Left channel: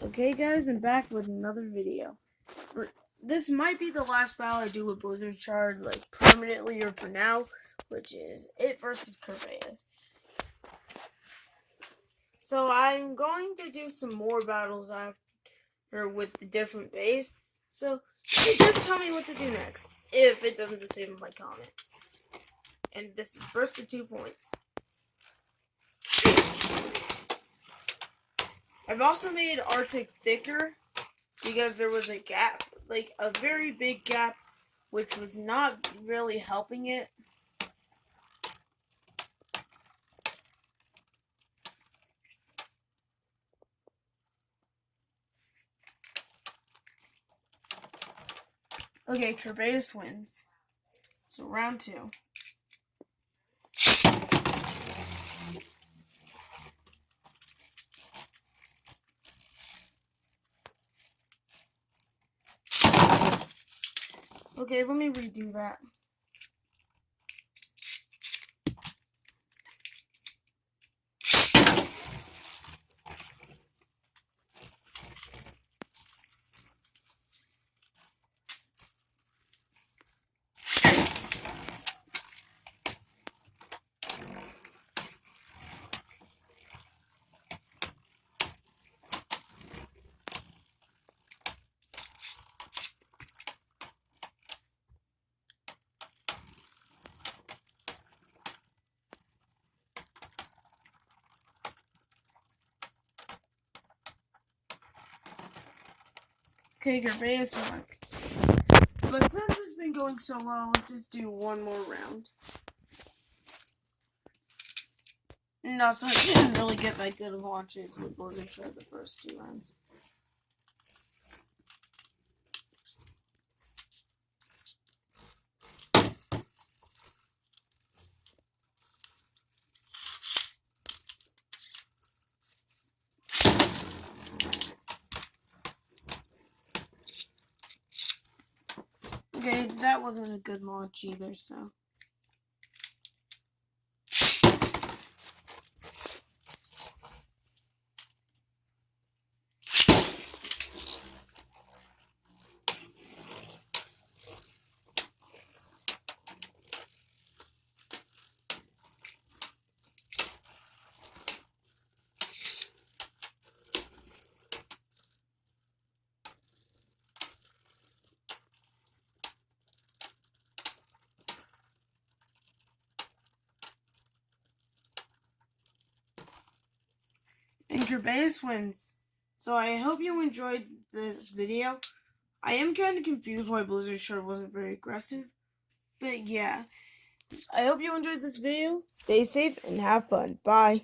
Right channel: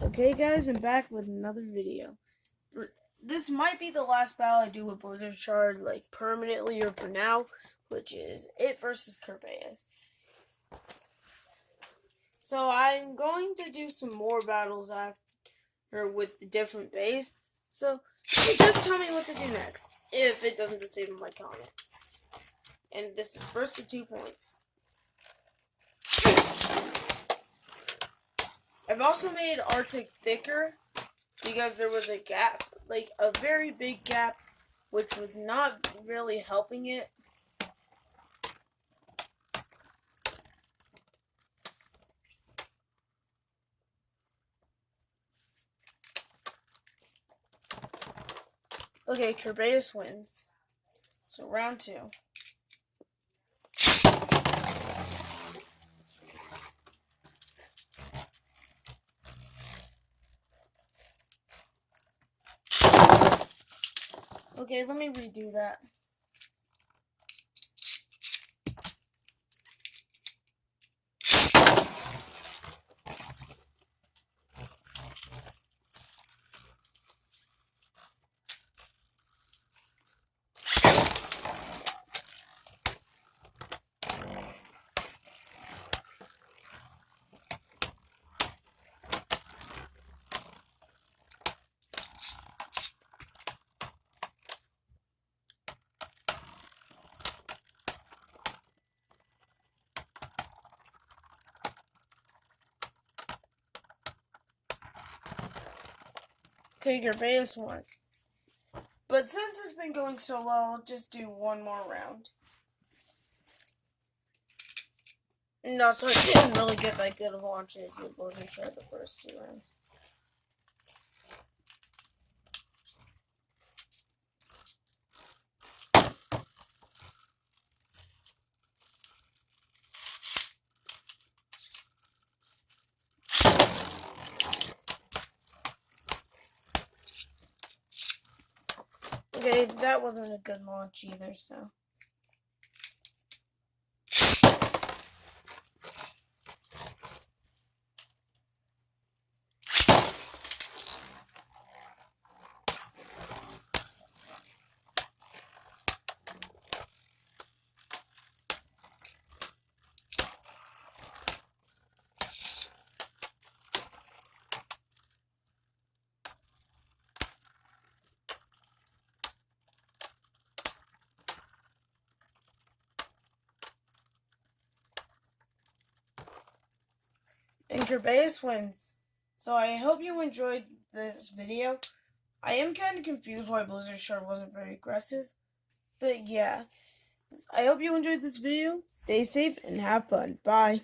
Okay guys, I'm back with another video. This might be the last battle I do with Blizzard Shard, like permanently or for now, which is it versus kerbeus. So I'm going to do some more battles after with the different bays. So you just tell me what to do next, if it doesn't disable my comments. And this is first for 2 points. I've also made Arctic thicker because there was a gap, like a very big gap, which was not really helping it. Okay, kerbeus wins. So round 2. Okay, let me redo that. Okay, kerbeus won. But since it's been going so well, I'll just do one more round. And also, I didn't really get that good of watches in Blizzard Shard the first 2 rounds. Okay, that wasn't a good launch either, so. And kerbeus wins. So I hope you enjoyed this video. I am kind of confused why Blizzard Shard wasn't very aggressive. But yeah, I hope you enjoyed this video. Stay safe and have fun. Bye.